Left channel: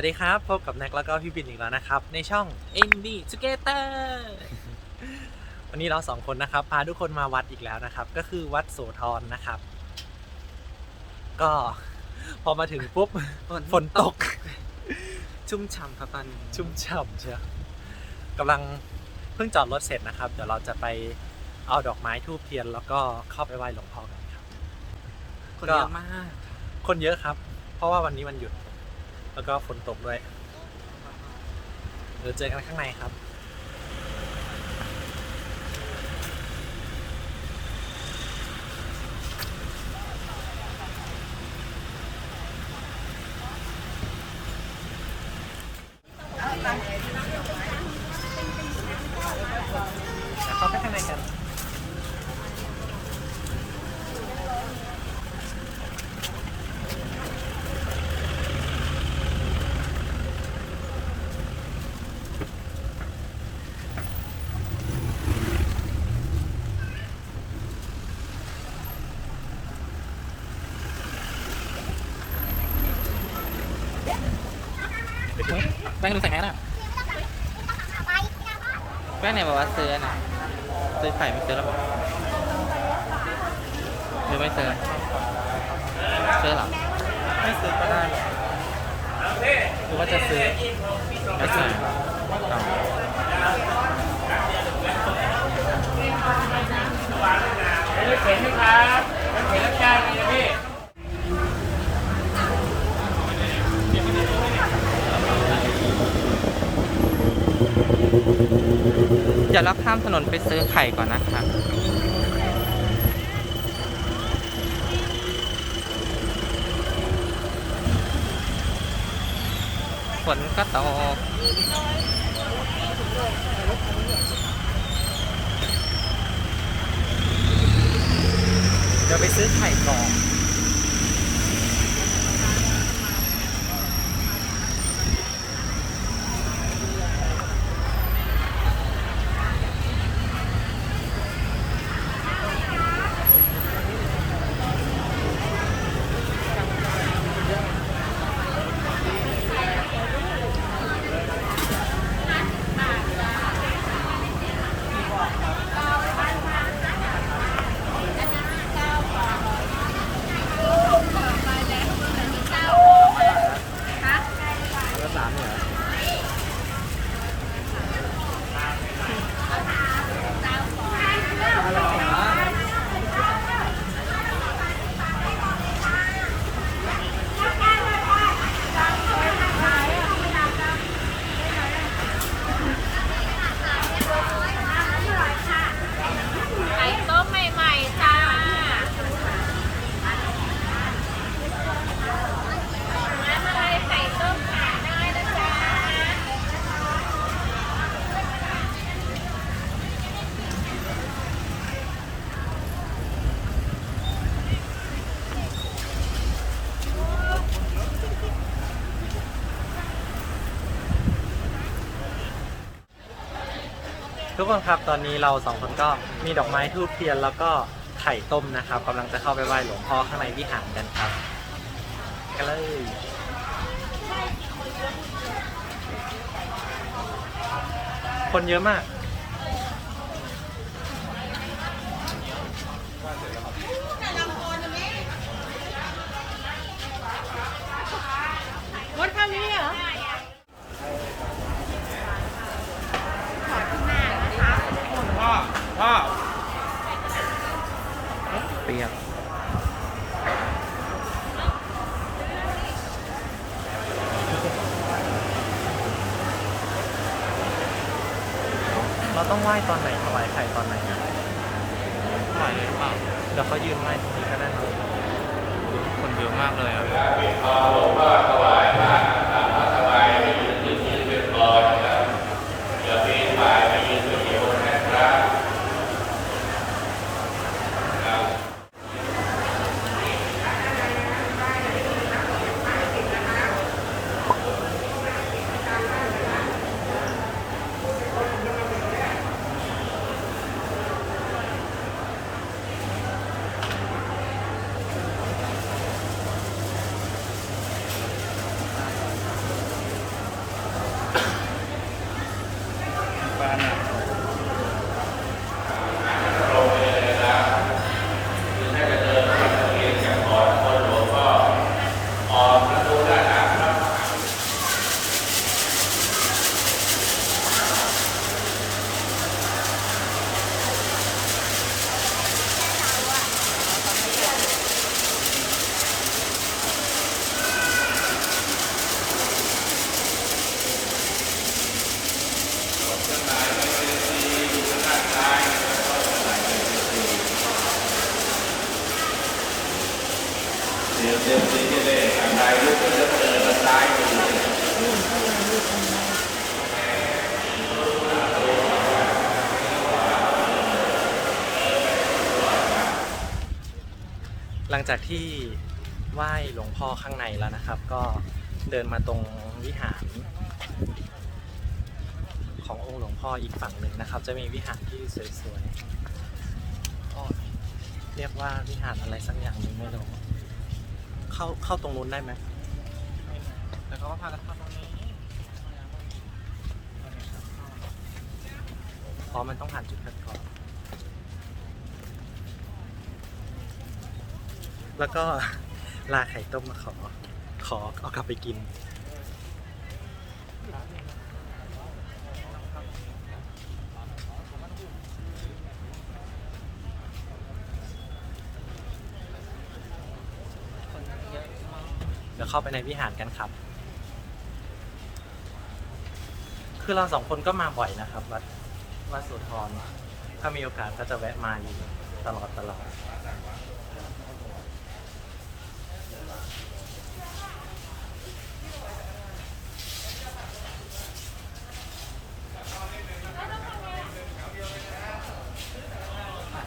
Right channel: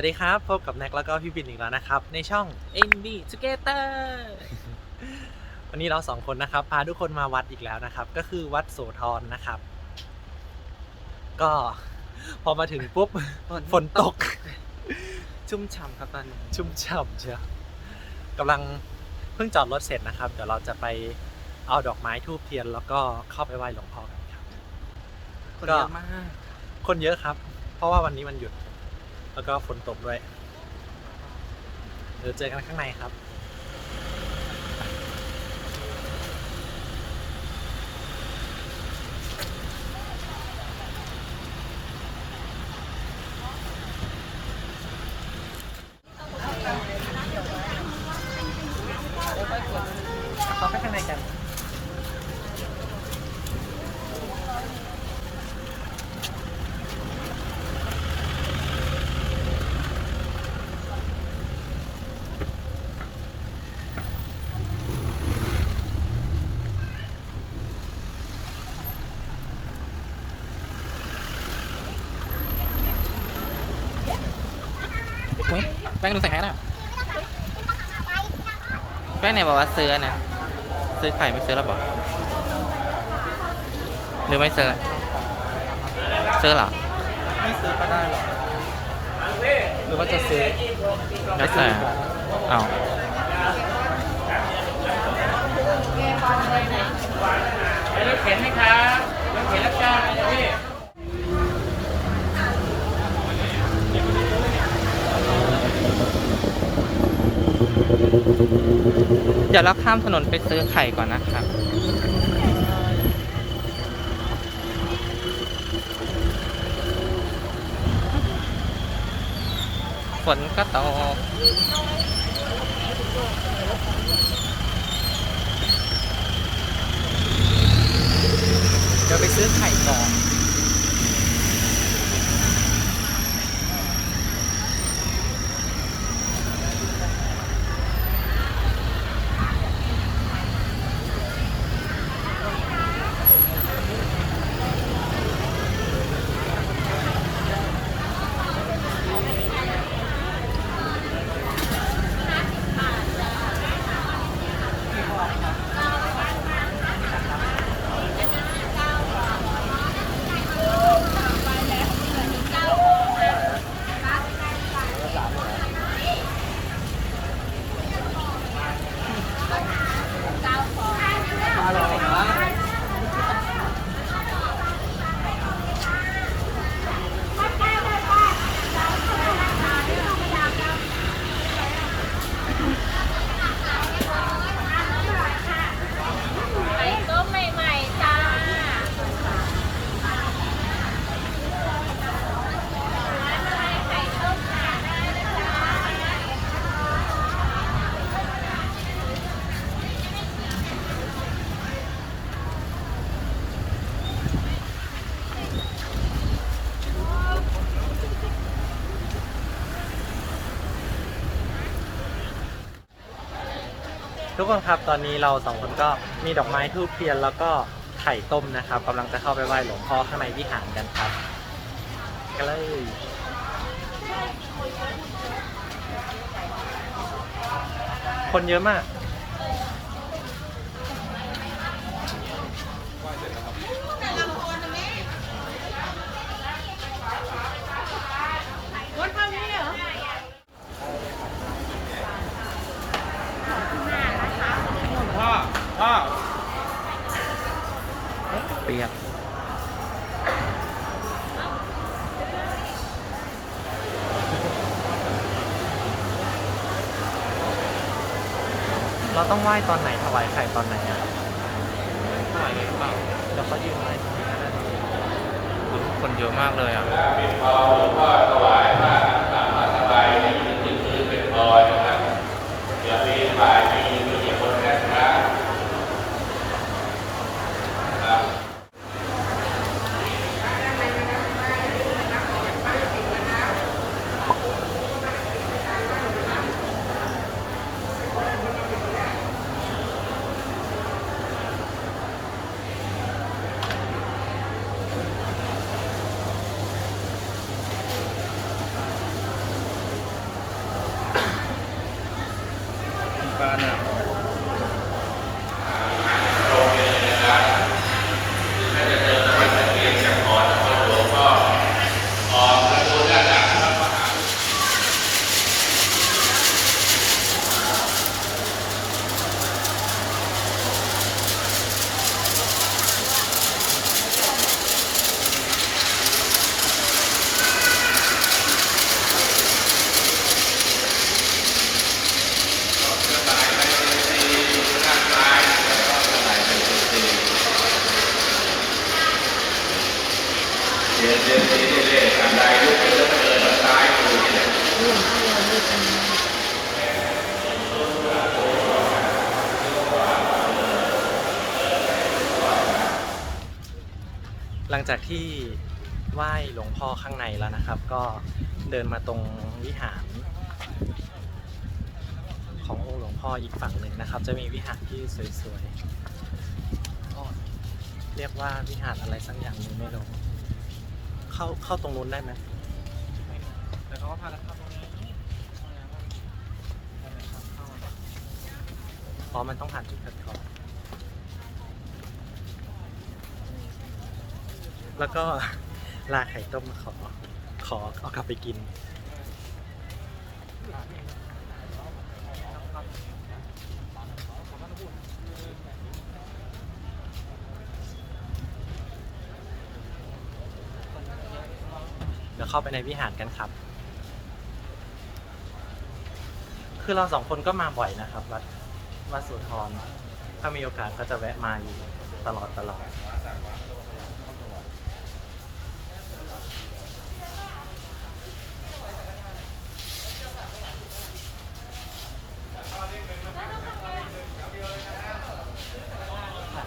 สวัสดีครับ พบกับแน็กแล้วก็พี่บินอีกแล้วนะครับ ในช่อง Indie Together วันนี้เราสองคนนะครับ พาทุกคนมาวัดอีกแล้วนะครับ ก็คือวัดโสธรนะครับ ก็พอมาถึงปุ๊บฝนตก ชุ่มฉ่ำครับตอนนี้ชุ่มฉ่ำเชียวกำลังเพิ่งจอดรถเสร็จนะครับ เดี๋ยวเราจะไปเอาดอกไม้ทูบเทียน แล้วก็เข้าไปไหว้หลวงพ่อกันครับคนก็เยอะมาก คนเยอะครับ เพราะว่าวันนี้มันหยุด แล้วก็ฝนตกด้วยเดี๋ยวเจอกันข้างในครับ แป้งดูใส่แมสอะแป้งไหนบอกว่าซื้อนะซื้อไข่ไม่ซื้อแล้วบอกหรือไม่ซื้อซื้อเหรอไม่ซื้อก็ได้หรอกหรือว่าจะซื้อไม่ซื้อเอา เข็นนี่ครับยังเข็นรับจ้างเลยพี่ เดี๋ยวเราข้ามถนนไปซื้อไข่ก่อนนะครับฝนก็ตกเดี๋ยวไปซื้อไข่ก่อน ไข่ต้มใหม่ๆจ้าร้านอะไรไข่ต้มหาได้นะจ๊ะ ทุกคนครับตอนนี้เราสองคนก็มีดอกไม้ทูบเทียนแล้วก็ไข่ต้มนะครับกำลังจะเข้าไปไหว้หลวงพ่อข้างในวิหารกันครับกันเลยคนเยอะมาก เราต้องไหว้ตอนไหนถวายไข่ตอนไหนถวายหรือเปล่าเดี๋ยวก็ยืนไหว้ตรงนี้ก็ได้คนเยอะมากเลยอะ เหลังจากที่ไหว้หลวงพ่อข้างในแล้วนะครับ ก็เดินมาตรงวิหาร ขององค์หลวงพ่ออีกฝั่งหนึ่งนะครับ จะมีวิหารที่สวยๆเรียกว่าวิหารอะไรสักอย่างหนึ่งไม่รู้เข้าเข้าตรงนู้นได้ไหมแต่เขาก็พากันเข้าตรงนี้ เพราะมันต้องผ่านจุดคัดกรอง แล้วก็ลาไข่ต้มมาขอ ขอเอากลับไปกิน เดี๋ยวเข้าไปในวิหารกันครับ คือเราสองคนก็มาบ่อยนะครับวัด วัดสุธรถ้ามีโอกาสก็จะแวะมาอยู่ตลอดตลอด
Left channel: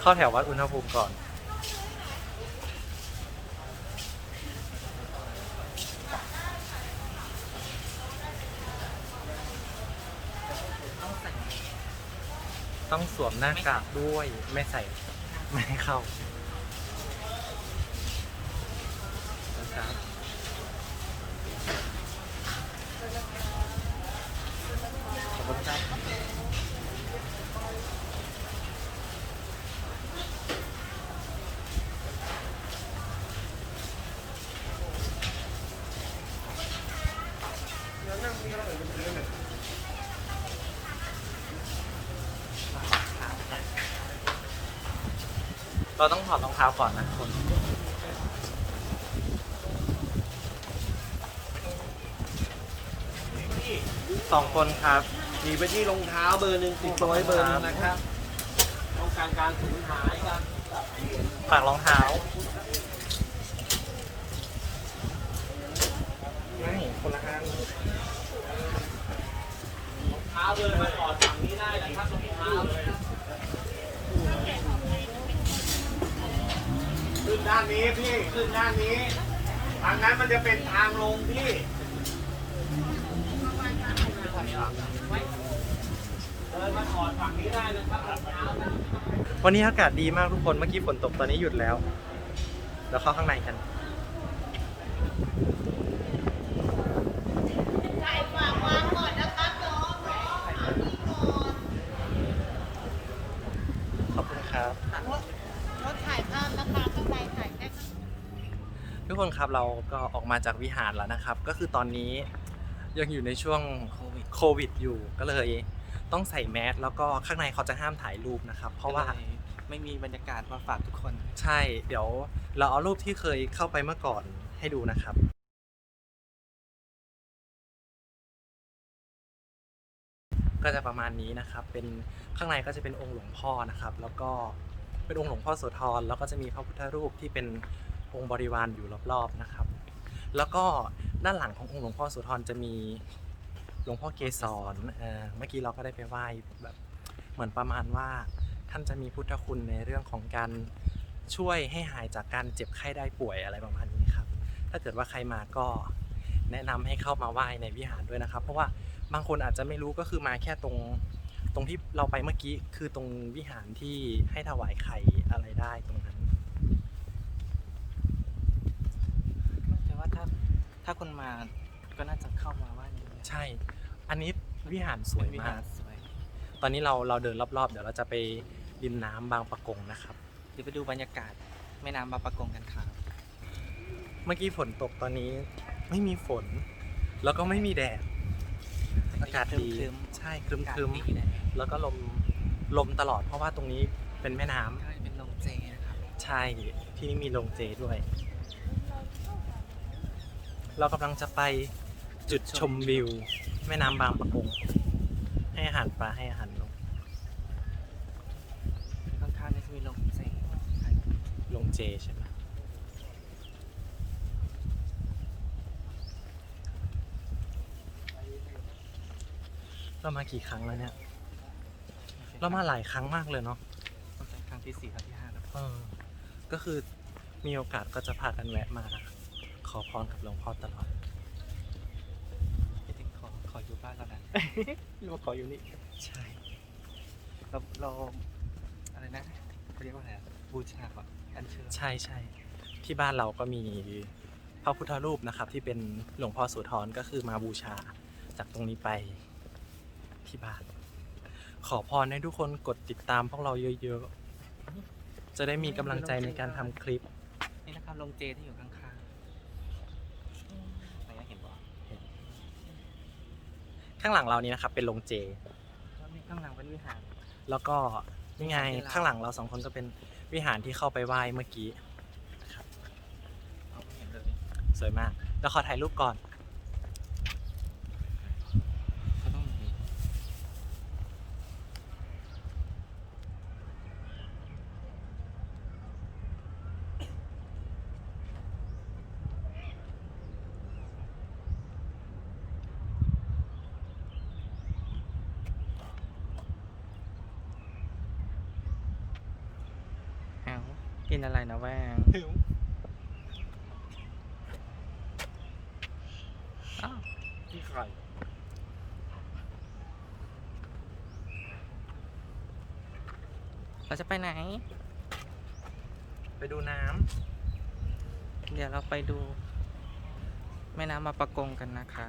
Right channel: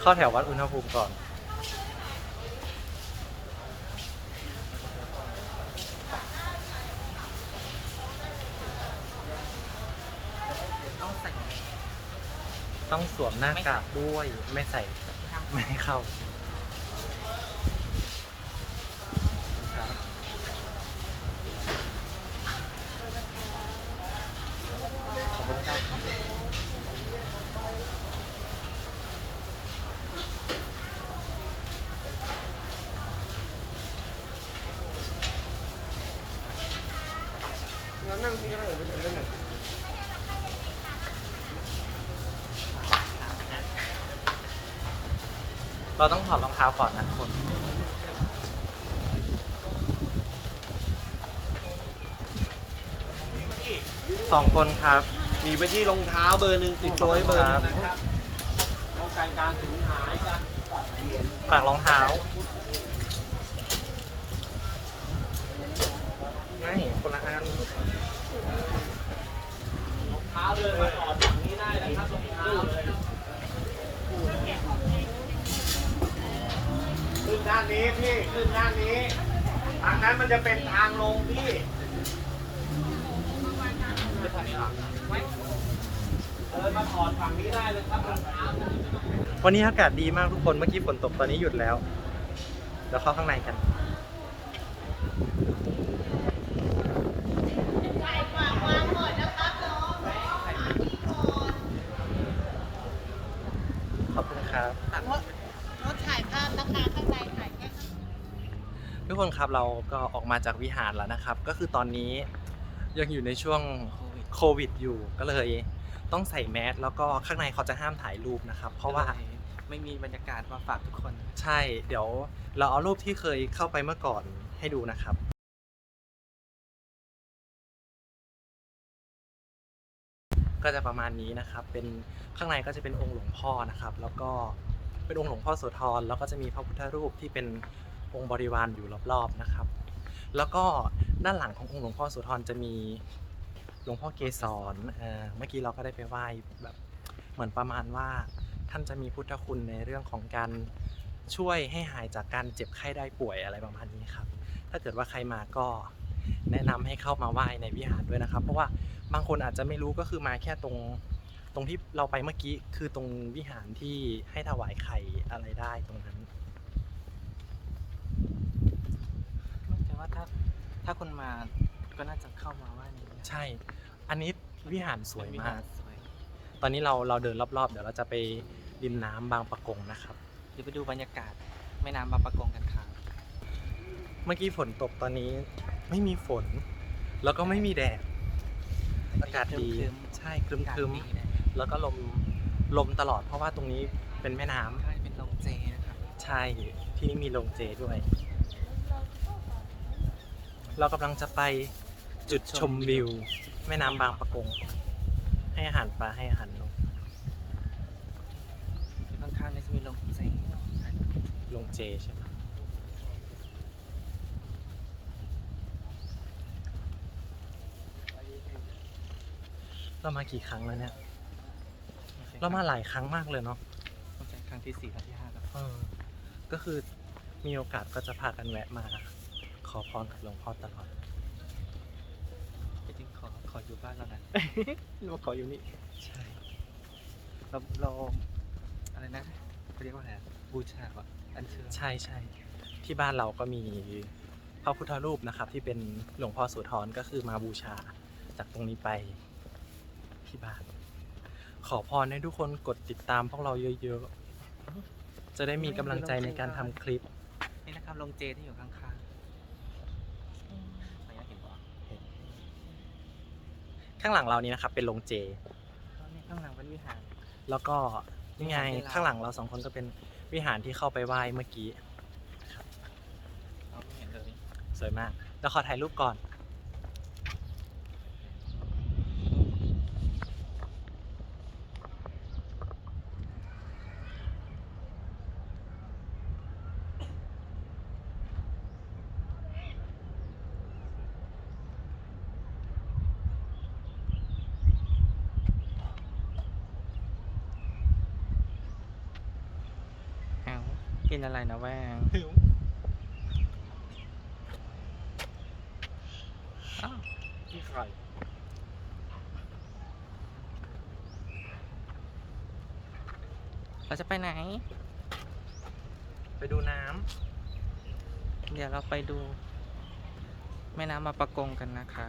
เข้าแถววัดอุณหภูมิก่อน ต้องใส่ ต้องสวมหน้ากากด้วย ไม่ใส่ไม่ให้เข้าครับ ขอบคุณครับ เราต้องถอดรองเท้าก่อนนะคนสองคนครับ มีไปที่รองเท้าเบอร์หนึ่งติดตัวไว้เบอร์หนึงนะครับป้องกันการสูญหายการตัดเปลี่ยนฝากรองเท้าไม่คนละอันเท้าเดินมาก่อนฝั่งนี้ได้นะครับรองเท้า ขึ้นด้านนี้พี่ขึ้นด้านนี้ทางนั้นมันจะเป็นทางลงพี่วันนี้อากาศดีมากทุกคนเมื่อกี้ฝนตกตอนนี้หยุดแล้ว แล้วเข้าข้างในกัน ขอบคุณครับ รถถ่ายภาพนะคะข้างในถ่ายแค่ ทุกคนครับเราก็ออกมาจากวิหารแล้วนะครับ ก็คือตอนนี้ยังอยู่ในช่วงโควิดอยู่ก็เลย ต้องใส่แมสแล้วก็ข้างในเขาจะห้ามถ่ายรูปนะครับ เพราะว่าไม่มีบรรยากาศมาฝากทุกคน ใช่ เดี๋ยวเราเอารูปที่เคยเข้าไปเมื่อก่อนให้ดูนะครับก็จะประมาณนี้นะครับ เป็นข้างในก็จะเป็นองค์หลวงพ่อนะครับ แล้วก็เป็นองค์หลวงพ่อโสธร แล้วก็จะมีพระพุทธรูปที่เป็น องค์บริวารอยู่รอบๆนะครับ แล้วก็ด้านหลังขององค์หลวงพ่อโสธรจะมีหลวงพ่อเกศรเอ่อเมื่อกี้เราก็ได้ไปไหว้แบบเหมือนประมาณว่าท่านจะมีพุทธคุณในเรื่องของการช่วยให้หายจากการเจ็บไข้ได้ป่วยอะไรประมาณนี้ครับ ถ้าเกิดว่าใครมาก็แนะนำให้เข้ามาไหว้ในวิหารด้วยนะครับ เพราะว่าบางคนอาจจะไม่รู้ก็คือมาแค่ตรงตรงที่เราไปเมื่อกี้คือตรงวิหารที่ให้ถวายไข่อะไรได้ตรงนั้น แต่ว่าถ้า ถ้าคนมาก็น่าจะเข้ามาไหว่านี้ใช่ อันนี้วิหารสวยมาก สวยตอนนี้เราเราเดินรอบๆ เดี๋ยวเราจะไปริมน้ำบางปะกงนะครับ เดี๋ยวไปดูบรรยากาศแม่น้ำบางประกงกันครับ เมื่อกี้ฝนตกตอนนี้ไม่มีฝน แล้วก็ไม่มีแดด อากาศดี ครึ้มๆ ใช่ครึมอากาศครึมดีนะแล้วก็ลมลมตลอดเพราะว่าตรงนี้เป็นแม่น้ำ ใช่เป็นโรงเจนะครับ ใช่ที่มีโรงเจด้วย เรากำลังจะไปจุดชมวิว แม่น้ำบางปะกง ให้อาหารปลาให้อาหารนกข้างๆนี่จะมีลงเจลงเจใช่ไหมเรามากี่ครั้งแล้วเนี่ย เรามาหลายครั้งมากเลยเนาะครั้งที่สี่ครั้งที่ห้าแล้วก็คือมีโอกาสก็จะพากันแวะมา อพรกับหลวงพ่อตลอดจริงๆขอขออยู่บ้านแล้วนะ เราขออยู่นี่ ใช่ เราเราอะไรนะเขาเรียกว่าอะไรอะบูชาก่อนอันเชิญใช่ใช่ที่บ้านเราก็มีพระพุทธรูปนะครับ ที่เป็นหลวงพ่อโสุธรก็คือมาบูชาจากตรงนี้ไปที่บ้าน ขอพรให้ทุกคนกดติดตามพวกเราเยอะๆ จะได้มีกำลังใจในการทำคลิป นี่นะครับลงเจที่อยู่ข้างๆอะไรนะเห็นปะ ข้างหลังเรานี้นะครับเป็นโรงเจก็มีข้างหลังเป็นวิหาร แล้วก็นี่ไงเป็นลาว ข้างหลังเราสองคนก็เป็นวิหารที่เข้าไปไหว้เมื่อกี้เราไม่เห็นเลยสวยมากแล้วขอถ่ายรูปก่อน เอา กินอะไรนะแวงอ้าวที่ใครเราจะไปไหน ไปดูน้ำเดี๋ยวเราไปดู แม่น้ำมาประกงกันนะคะ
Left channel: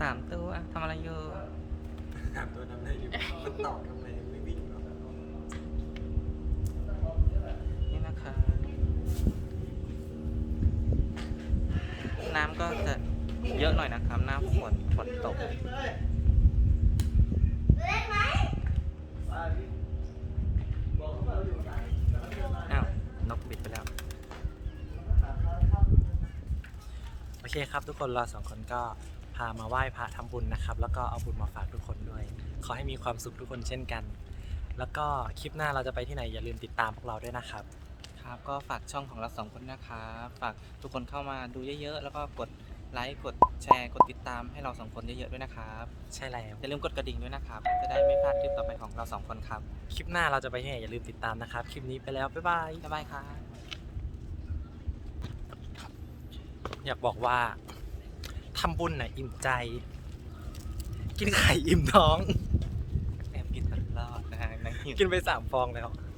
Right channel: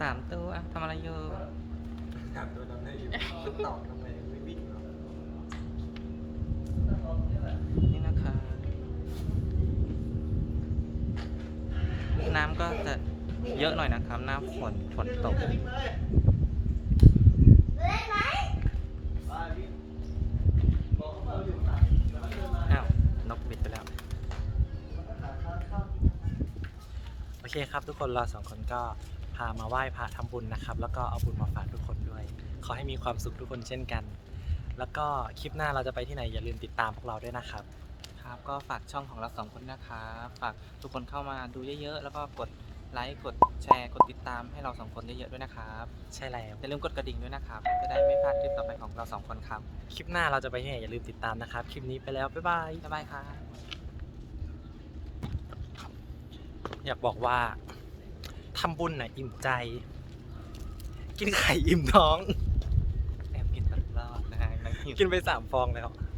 สามตัวทำอะไรอยู่นี่นะคะ น้ำก็จะเยอะหน่อยนะครับ หน้าฝนฝนตก อ้าว นกบิดไปแล้ว โอ เคครับทุกคนเราสองคนก็พามาไหว้พระทำบุญนะครับ แล้วก็เอาบุญมาฝากทุกคนด้วย ขอให้มีความสุขทุกคนเช่นกัน แล้วก็คลิปหน้าเราจะไปที่ไหนอย่าลืมติดตามพวกเราด้วยนะครับ ครับก็ฝากช่องของเราสองคนนะครับฝากทุกคนเข้ามาดูเยอะๆ แล้วก็กดไลค์กดแชร์กดติดตามให้เราสองคนเยอะๆด้วยนะครับใช่แล้วอย่าลืมกดกระดิ่งด้วยนะครับ จะได้ไม่พลาดคลิปต่อไปของเราสองคนครับ คลิปหน้าเราจะไปที่ไหนอย่าลืมติดตามนะครับ คลิปนี้ไปแล้วบ๊ายบายบ๊ายบายครับ อยากบอกว่าทำบุญน่ะอิ่มใจ กินไข่อิ่มท้อง แอบกินตลอดนะฮะกินไปสามฟองแล้วค